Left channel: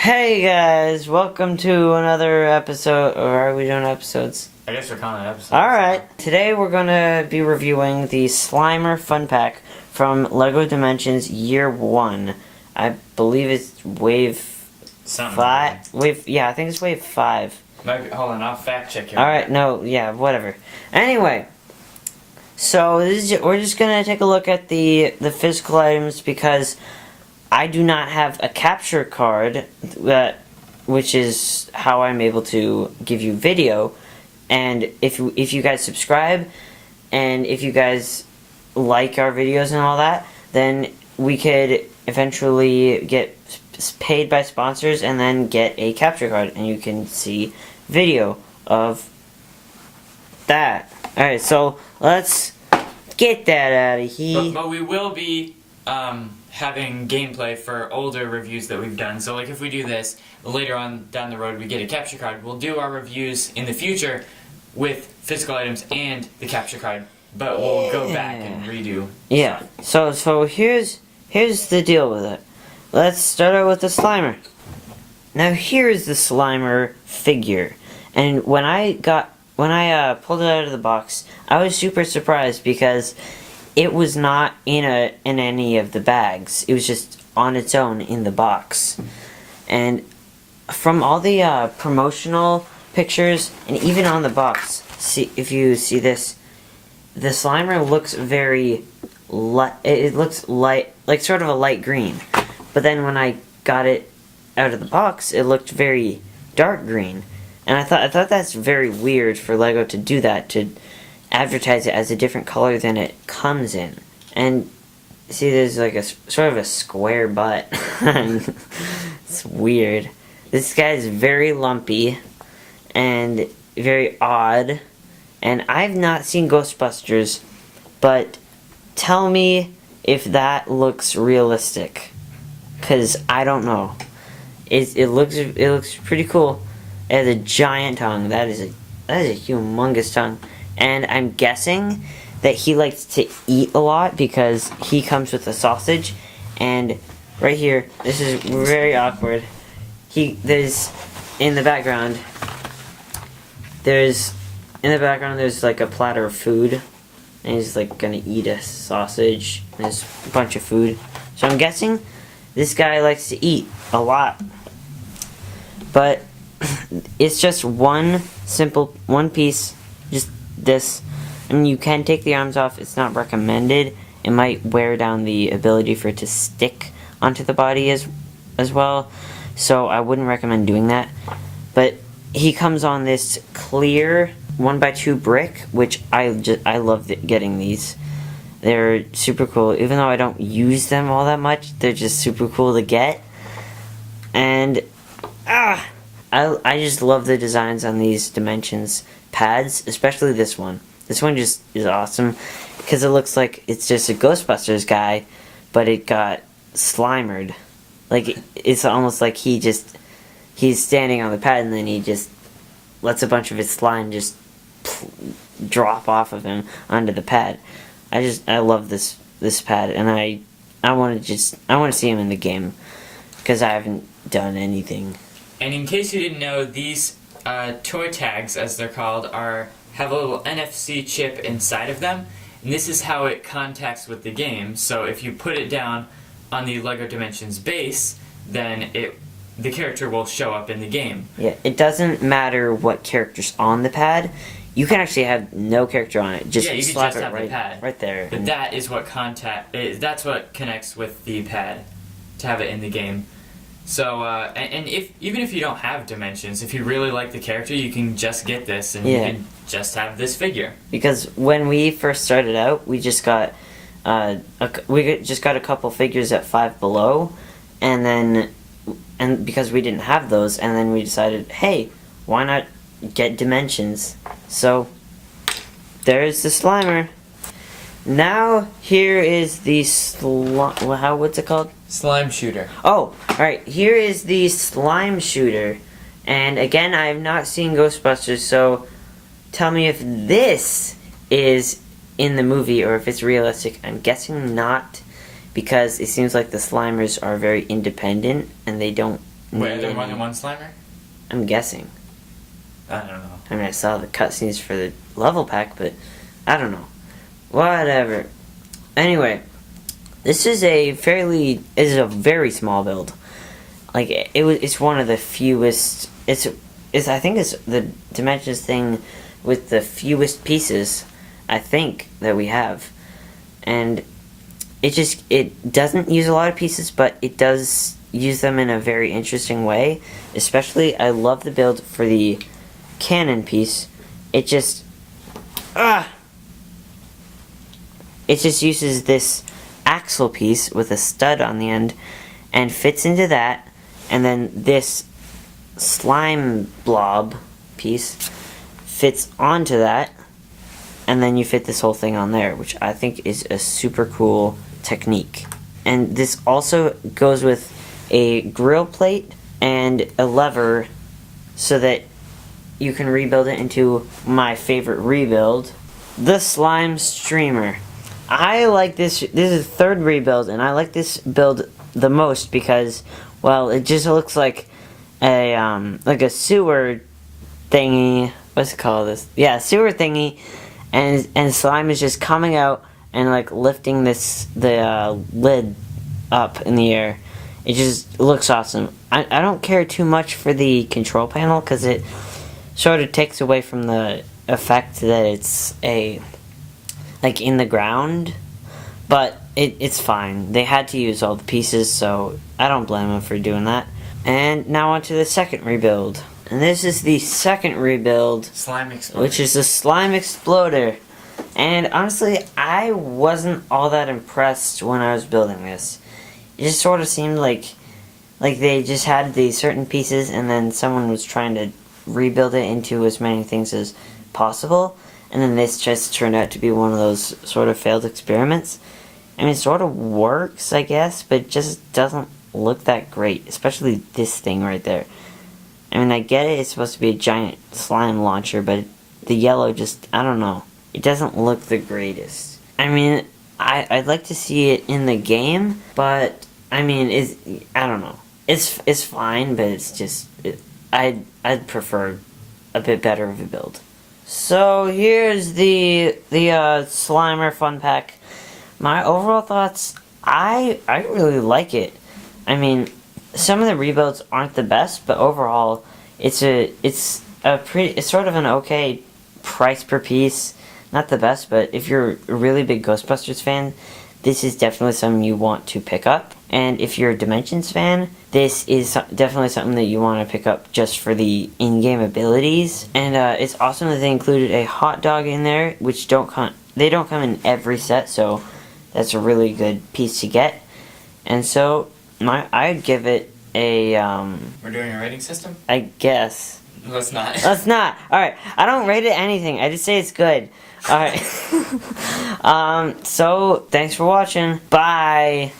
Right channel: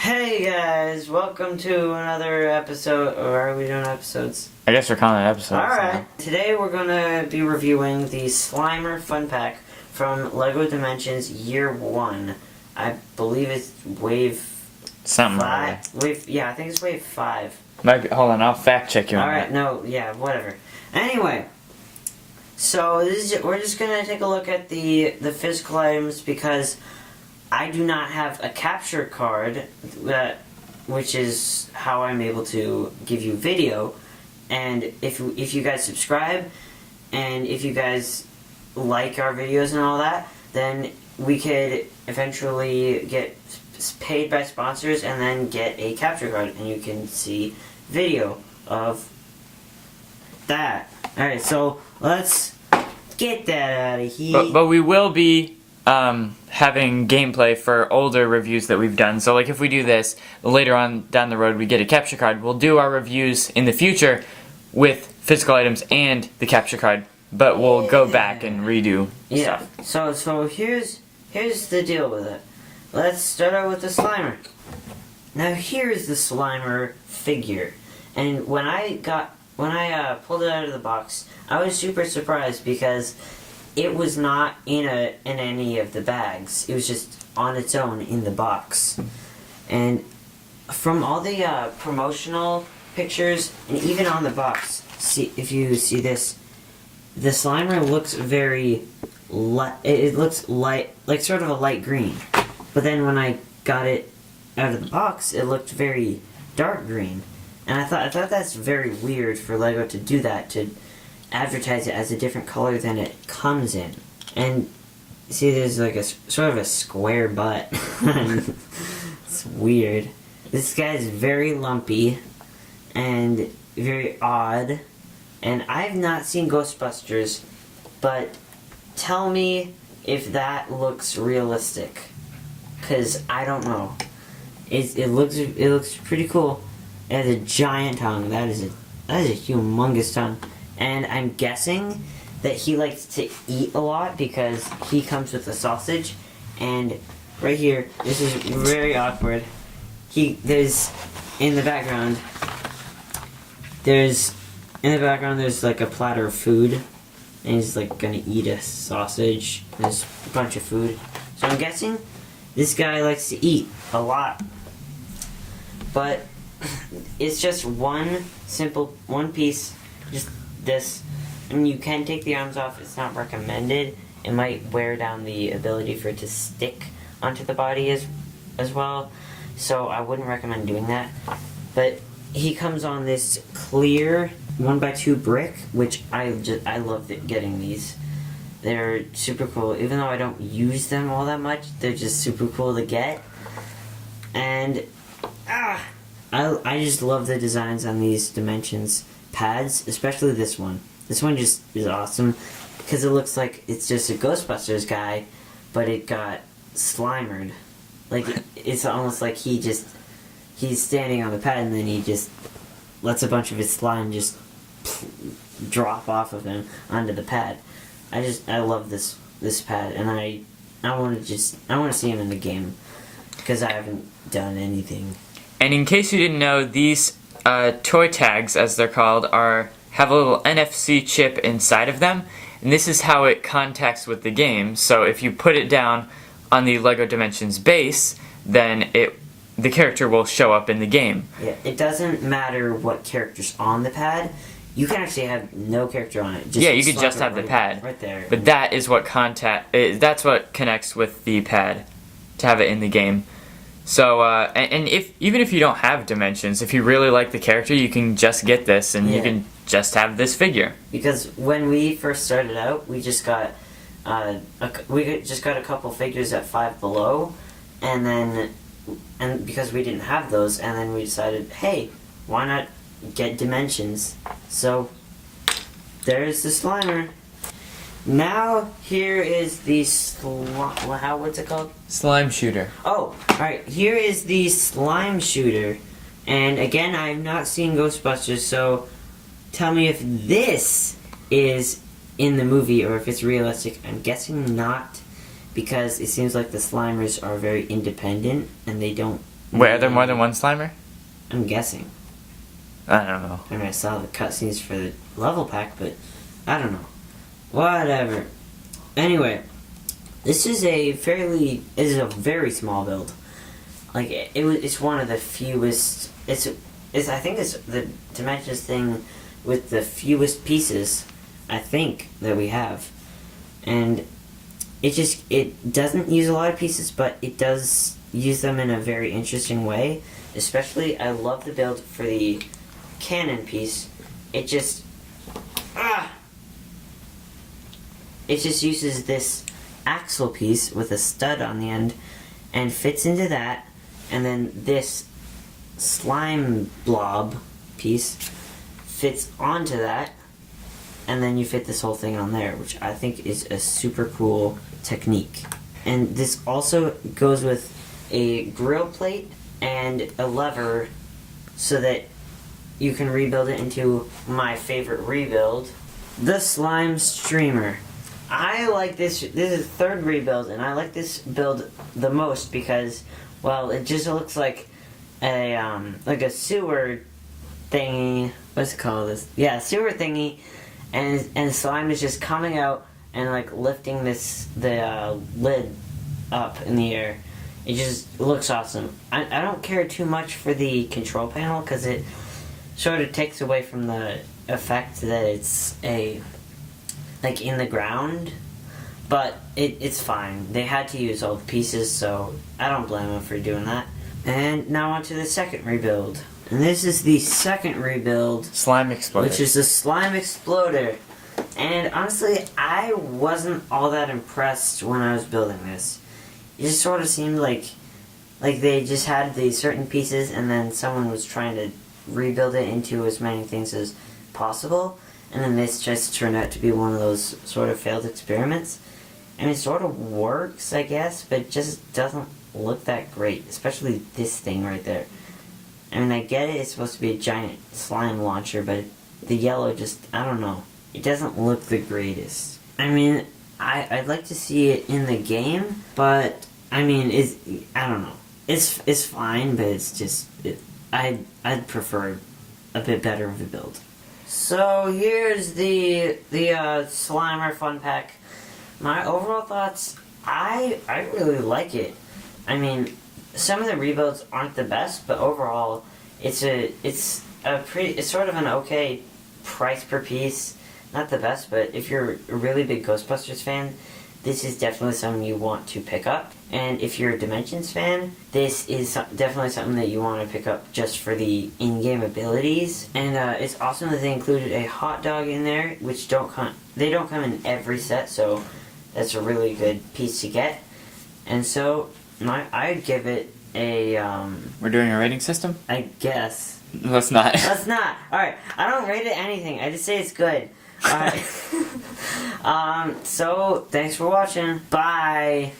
Hey guys, welcome to another episode, or are we doing episodes? I guess we're calling it episodes. Alright, today we're gonna be reviewing the Slimer Fun Pack from LEGO Dimensions Year 1. I believe it's Wave Something. 5? I think it's Wave 5. Hold on, I'll fact check you. Alright, no, yeah, whatever. Anyway, so we're just gonna take a look at the physical items because I do not have a capture card, which is how I'm able to give you video. And if you guys subscribe, and if you guys like our videos and all that, then we could eventually get paid by sponsors and then get a capture card, and you can see video of that. Alright, so let's get that out of here. But we will be having gameplay for older reviews that we've done. So like if we do this, later on down the road we get a capture card, we'll do our reviews in the future with physical items and the capture card. But we'll go back and redo stuff. So here's the deal with it. Let's start out with the Slimer. Now here's the Slimer figure. And when I pulled it out of the box, I was super surprised because it was not in any of the bags. It was just on its own in the box. And from all the promotional pictures, and even on the box, see if you see this, the Slimer looks very light. It looks light, like sort of a light green. But then when I got it out of the box, it looked very dark green. And I thought that's very weird for LEGO to do that, to advertise it as a different color than it comes in. And see, there's like a sort of a square butt. It's weird. This guy is very lumpy and very odd. And I've not seen Ghostbusters, but tell me if that looks realistic, cause I don't know. It looks pretty cool. It has a giant tongue. That is a humongous tongue. And I'm guessing that he likes to eat a lot because he comes with a sausage. And right here, this is very awkward. There's in the background there's like a platter of food, and he's like gonna eat a sausage. There's a bunch of food. So I'm guessing this guy likes to eat a lot. But it's just one piece, just this. I mean, you can take the arms off. It's not recommended. It might wear down the ability for it to stick onto the body as well. So I wouldn't recommend doing that. But he comes on this clear 1x2 brick, which I love getting these. They're super cool. Even though I don't use them all that much, they're just super cool to get. And I just love the designs on these Dimensions pads, especially this one. This one just is awesome because it looks like it's just a Ghostbusters guy, but it got slimered. Like it's almost like he's standing on the pad and then he just lets a bunch of his slime just drop off of him onto the pad. I love this pad, and I want to see him in the game because I haven't done anything. And in case you didn't know, these toy tags, as they're called, have a little NFC chip inside of them, and this is how it contacts with the game. So if you put it down on the LEGO Dimensions base, then the character will show up in the game. Yeah, it doesn't matter what character's on the pad. You can actually have no character on it. You could just have the pad right there. But that is what that's what connects with the pad to have it in the game. So, and even if you don't have Dimensions, if you really like the character, you can just get this, and you can just have this figure. Because when we first started out, we just got a couple figures at Five Below, and because we didn't have those, and then we decided, hey, why not get Dimensions? So there's the Slimer. Now here is the what's it called? Slime shooter. Oh, alright, here is the slime shooter. And again, I have not seen Ghostbusters, so tell me if this is in the movie or if it's realistic. I'm guessing not, because it seems like the Slimers are very independent and they don't Wait, are there more than one Slimer? I'm guessing. I don't know. I mean, I saw the cutscenes for the level pack, but I don't know. Whatever. Anyway, this is a very small build. Like it's one of the fewest. It's I think it's the Dimensions thing with the fewest pieces. I think that we have, and it doesn't use a lot of pieces, but it does use them in a very interesting way. Especially, I love the build for the cannon piece. It just uses this axle piece with a stud on the end and fits into that, and then this slime blob piece fits onto that, and then you fit this whole thing on there, which I think is a super cool technique. And this also goes with a grill plate and a lever so that you can rebuild it into my favorite rebuild, the slime streamer. I like this. This is the third rebuild, and I like this build the most because, well, it just looks like a sewer thingy. What's it called? Yeah, sewer thingy, and slime is just coming out and like lifting the lid up in the air. It just looks awesome. I don't care too much for the control panel because it sort of takes away from the effect that it's like in the ground, but it's fine. They had to use all the pieces, so I don't blame them for doing that. And now on to the second rebuild. And this is the second rebuild, Slime Exploder. which is the Slime Exploder. And honestly, I wasn't all that impressed when I was building this. It just sort of seemed like they just had these certain pieces and then someone was trying to rebuild it into as many things as possible, and then this just turned out to be one of those sort of failed experiments. I mean, it sort of works, I guess, but it just doesn't look that great, especially this thing right there. I mean, I get it, it's supposed to be a giant slime launcher, but the yellow just, I don't know. It doesn't look the greatest. I mean, I'd like to see it in the game, but, I mean, I don't know. It's fine, but it's just, I'd prefer a bit better of a build. So here's the Slimer Fun Pack. My overall thoughts, I really like it. I mean, some of the rebuilds aren't the best, but overall, it's sort of an okay price per piece. Not the best, but if you're a really big Ghostbusters fan, this is definitely something you want to pick up. And if you're a Dimensions fan, this is definitely something that you want to pick up just for the in-game abilities. And it's awesome that they included a hot dog in there, which don't come in every set, so that's a really good piece to get. And so I'd give it a We're doing a rating system? I guess. Let's not. Let's not. Alright, I don't rate it anything. I just say it's good. Alright. So, thanks for watching. Bye.